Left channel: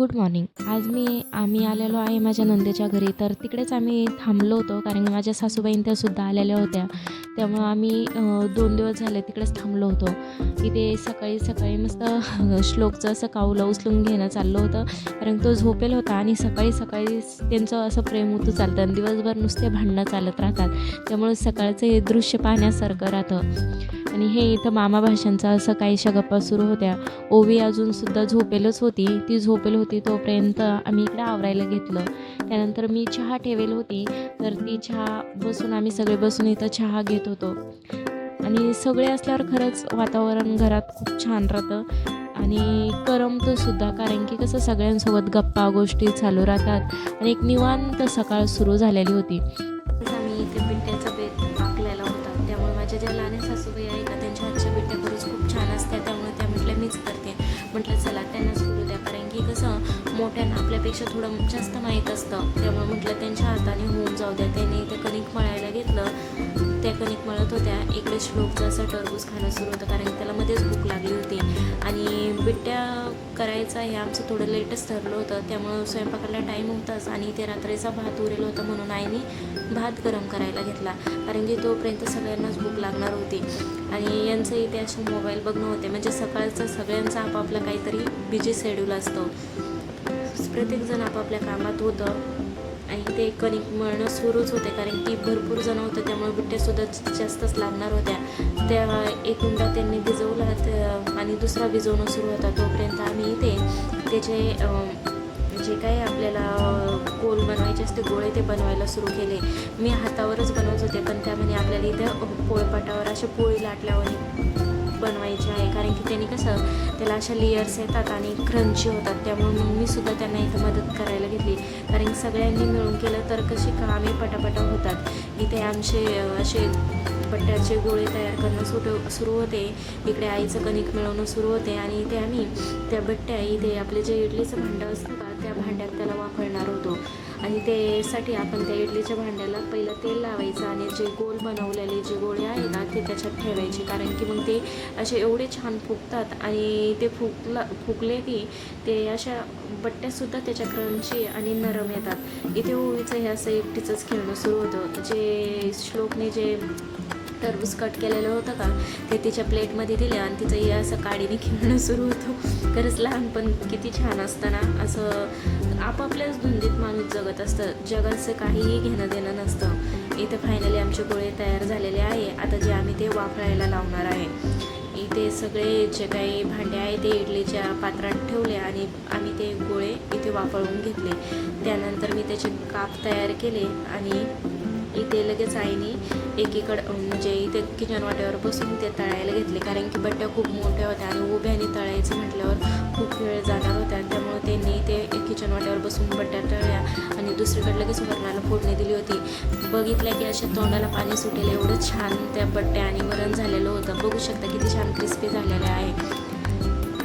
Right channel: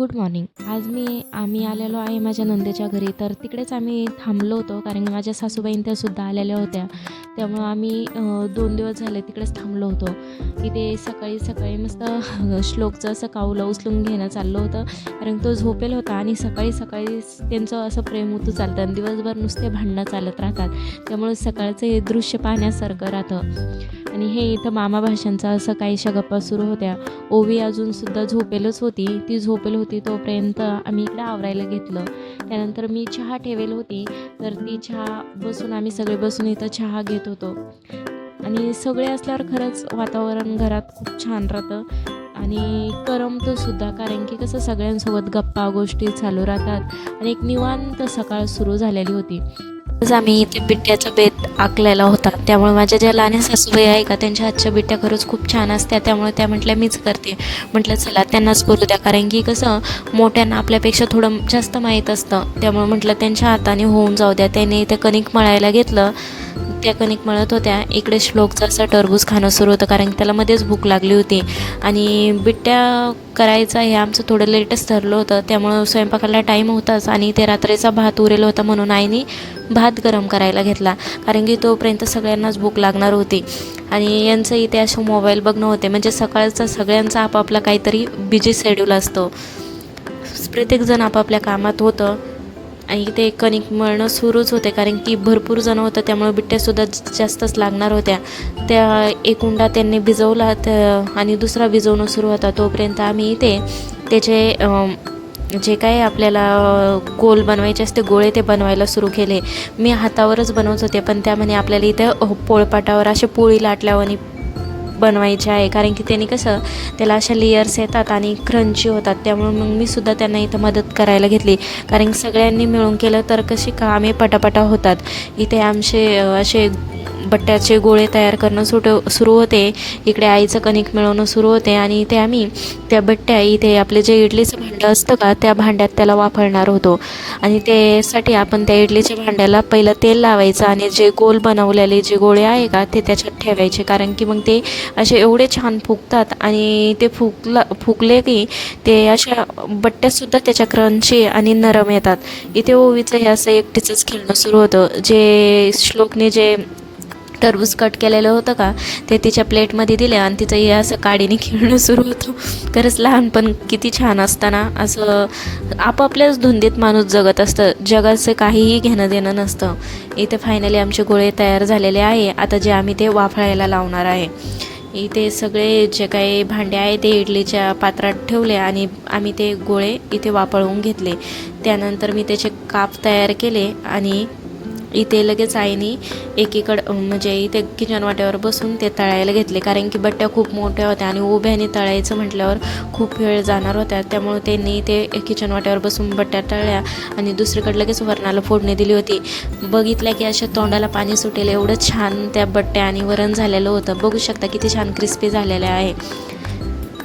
Good morning. आज आम्ही आलेलो आहे माझ्या नंदेच्या घरी. तर तिकडेच आम्ही थांबलो होतो कारण की माझ्या सासूबाई त्या आलेल्या होत्या. त्यामुळं आम्ही 2 दिवस झाले तिकडेच थांबलो होतो. इथे सकाळी मस्त श्लोकचं असं काऊलं उचलून घेणं चाललं होतं. कारण तो झोपेल होता आणि सकाळी त्यांचं असं प्रेम उतू चालतं आणि दिवसभर नुसते भांडणं चालत राहतात. त्यामुळे सकाळचं हे दृश्य पाहण्यासारखं राहतं. आणि हे इथं मामा भाषांचा असं काहीशा गप्पा सुरू होत्या. ओवी अजूनसुद्धा झोपेलच होती. ती झोपेल होती तोपर्यंत आम्ही इकडे आवरायला घेतलं. त्यानंतर मी चहा ठेवेल होती, तर ती चहा आम्ही सगळे बसून इथं चहा घेत होतो. आणि सगळे असल्यावर खरंच वातावरण घरात खूप छान राहतं आणि करमतंसुद्धा. कारण की कसं सगळ्यांसोबत गप्पा गोष्टी चालू राहतात आणि एक निवांत सकाळ सुरू झालेली होती. आज आम्ही इथे बिट्ट्याचा बेत आखलेला होता. त्यामुळे माझ्या ज्या लहान सासूबाई आहे का त्यांच्या हातच्या बिट्ट्या खरंच खूप छान असत्या. त्यामुळे त्या म्हटल्या मीच करते. म्हटलं चला त्यांनाच करू द्या, कारण की कसं मोठ्यांना आपल्यापेक्षा थोडं जास्त माहीत असतं. त्यामुळे म्हटलं त्यांच्या हाताने होऊन जाऊ द्या. त्याने ते कणिक मळायला घेतलं. त्या कणिक मळत होत्या. इकडे श्लोकचं असं टरबूज खाणं सुरू होतं कारण त्याला मध्येच भूक लागली होती. आणि बिट्ट्या करायचं हे आमचं थोडं लेटच ठरलं होतं. त्यामुळं स्वयंपाकाला टाईम होताच आणि ते रात्रीचा भात उरेल होता म्हणून आईने भात गरम करायला घेतला. कारण की तोपर्यंत सगळ्यांनाच भूक लागणार होती. आणि यांचं इथे असं मोबाईल बघणं होते. म्हणजे सकाळचा सगळ्यांचा आपापला काहीतरी बिझी शेड्यूल असतो. प्रत्येकजण आपापल्या कामात होतं आणि ते कणिक मळणं सुरूच होते कारण की भरपूर जण होतं. त्यामुळे बिट्ट्यासुद्धा जास्तच लागणार होत्या. त्या एक उंडा त्यांनी भिजवला आणि दुसरा भिजवणं सुरू होता. तोपर्यंत आम्ही इथे त्याचे जे काही आपल्याला गोल बनवायचे असते गोळे ते बनवायला सुरू केले. मी हातावरच बनवत होते, पण त्यामध्ये आपल्याला इथे पोळपाटावर असे पोळी लाटल्यावानी बनवायचे आहे. कारण की त्यांनी कसं त्याला अशा लेयर्स येतात आणि क्रंची होतात. त्यामुळे मग मी सुद्धा त्यांना इथं मदत करायला घेतली. कारण सगळ्यांनी मिळून केलं तर कशी कामे पटापटा होतात. इथे आमचे असे बट्ट्याचे गोळे तयार करणं सुरू होते. इकडे आईचं कणिक मिळवणं सुरू होते आणि इथे आम्ही त्या बट्ट्या इथे आपले जे इडलीचं भांडं असतं का त्या भांड्यात त्याला वापरणार होतो. आणि त्यासाठी आपण त्या इडलीच्या भांड्याला पहिलं तेल लावायचं आणि जे गोल बनवलेले जे गोळे आहे का ते त्याच्यात ठेवायचे. कारण की मग ते असे एवढे छान फुगतात आणि ते फुगले की ते अशा बट्ट्यासुद्धा त्याच्या क्रंची आणि नरम येतात. इथे ओवीचं हे असं एकटीचंच खेळणं सुरू होतं. जे श्लोकने जे टरबूज कट केलेलं होतं का ते तिच्या प्लेटमध्ये दिले आणि तिचं हे असं काडीने खेळणं सुरू होतं. खरंच लहानपण किती छान असताना असं आपापल्याच धुंदीत माणूस जगत असतं. जगाचं काहीही घेणं देणं नसतं. इथे फायनली आमचे गोळे तयार झालेले आहे. आता जे आम्ही ते वाफळायला लावणार आहे. इथे सगळे जे काही भांडे आहे ते इडलीच्या पात्रात ठेवले आणि आम्ही ते गोळे इथे वाफळवून घेतले. त्यानंतर मी त्याचे काप तयार केले आणि इथे लगेच आईने एकीकडं म्हणजे इथे किचन वाट्यावर बसून ते तळायला घेतले. कारण की बट्ट्या खूप मोठ्या होत्या आणि उभ्याने तळायचं म्हटल्यावर खूप वेळ जाणार होत्या. त्यामुळे त्यांनी ते किचन वाट्यावर बसून बट्ट्या तळल्या आणि दुसरीकडे लगेच वरणाला फोडणी दिली होती. बघितल्या की अशा तोंडाला पाणी सुटेल एवढं छान त्या बट्ट्या आणि वरण झालेलं होतं. बघू शकता किती छान क्रिस्पी झालेलं आहे.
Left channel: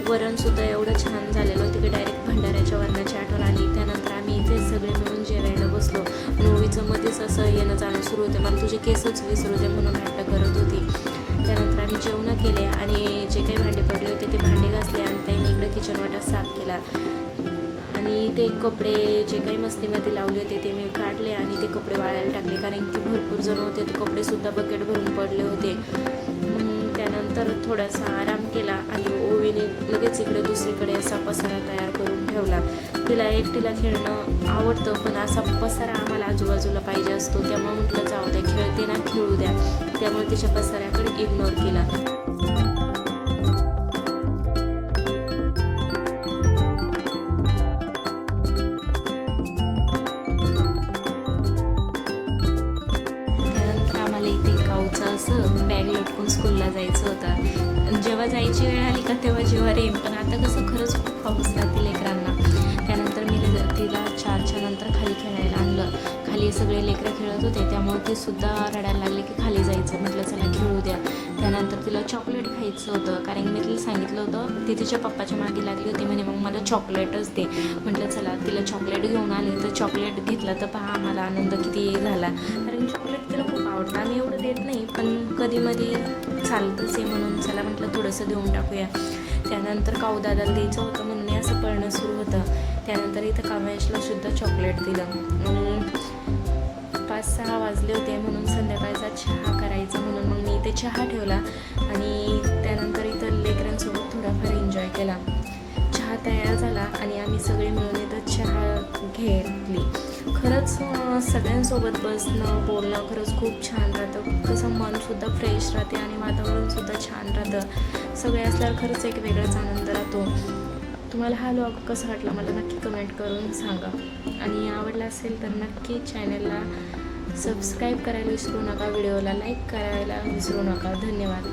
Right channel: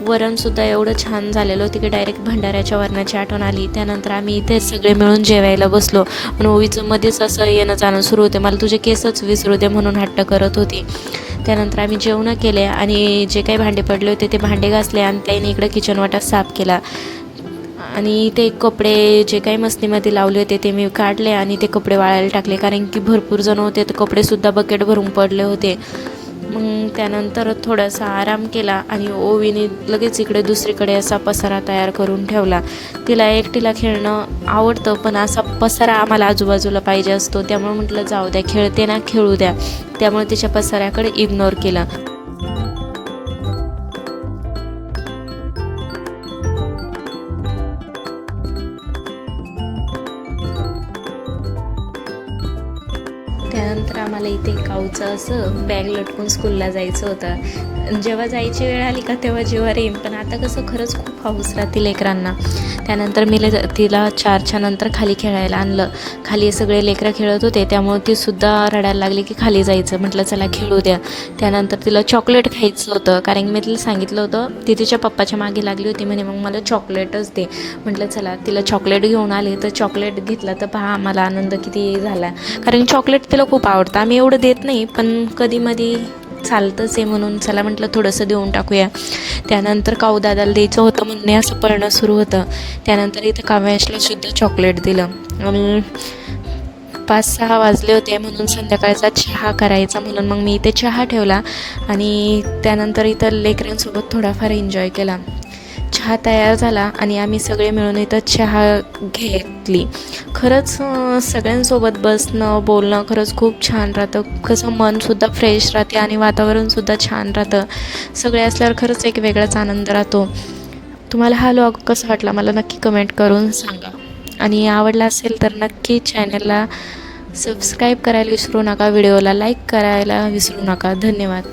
वरणसुद्धा एवढं छान झालेलं होतं की डायरेक्ट भंडाऱ्याच्या वरणाची आठवण आली. त्यानंतर आम्ही इथे सगळे मिळून जेवायला बसलो. पण ओवीचं मध्येच असं येणं जाणं सुरू होते. मला तुझे केसच विसरू दे म्हणून हट्ट करत होती. त्यानंतर आम्ही जेवण केले आणि जे काही भांडे पडले होते ते भांडे घासले आणि त्याने इकडं किचन वाटा साफ केला. आणि ते कपडे जे काही मस्तीमध्ये लावले होते ते मी काढले आणि ते कपडे वाळायला टाकले. कारण की भरपूर जण होते तर कपडेसुद्धा बकेट भरून पडले होते. त्यानंतर थोडासा आराम केला आणि ओवीने लगेच इकडे दुसरीकडे असा पसारा तयार करून ठेवला. तिला एकटीला खेळणं आवडतं, पण असा पसारा आम्हाला आजूबाजूला पाहिजे असतो. त्यामुळे म्हटलं जाऊ द्या, खेळते ना खेळू द्या. त्यामुळे तिच्या पसाऱ्याकडे इग्नोर केलं. त्यानंतर आम्हाला इथे काऊचं असं बॅग लटकून स्कूलला जायचं होतं. जेव्हा जायची वेळ आली का तेव्हा जीवावर येईन, पण आता कसं खरंच खूप पाऊस राहते लेकरांना. त्यानंतर मी तिला 4च्या नंतर खाली खेळायला आणलं. खाली सगळे लेकरं खेळत होते त्यामुळे तीसुद्धा रडायला लागली की खाली जायचं. म्हटलं चला खेळू द्या. त्यानंतर तिला चॉकलेट खायचं होतं कारण मी तिला सांगितलं होतं. ती तिच्या पप्पाच्या मागे लागली होती म्हणे मग मला चॉकलेटच दे. म्हटलं चला तिला चॉकलेट घेऊन आली तर चॉकलेट घेतलं तर पहा आम्हाला आनंद किती झाला. कारण चॉकलेट तिला खूप आवडतं. आम्ही एवढं देत नाही, पण कधीमधी चालतंच आहे म्हणून चला म्हटलं थोडंसं देऊन टाकूया. त्यानंतर काऊदादाला द्यायचं होतं म्हणणे असं पळणं सुरू होतं. त्यानंतर इथं काव्यांशला सुद्धा चॉकलेट दिलं आणि 5-6 वाजले होते म्हणून संध्याकाळचा चहा करायचा म्हणून मग मी इथे चहा ठेवला आणि त्यानंतर इथं लेकरांसोबत थोडाफार एन्जॉय केला. चहा तयार झाला आणि आम्ही सगळे मिळून इथं चहा घेतली. खरंच सगळ्यांसोबत बसणं बोलणं खरंच खूप छान राहतं. कसं मनसुद्धा फ्रेश राहते आणि वातावरणसुद्धा छान राहतं. सगळे असल्यावर खरंच एक वेगळाच आनंद राहतो. तुम्हाला हा व्लॉग कसा वाटला मला नक्की कमेंट करून सांगा आणि आवडला असेल तर नक्की चॅनलला सबस्क्राईब करायला विसरू नका. व्हिडिओला लाईक करायला विसरू नका. धन्यवाद.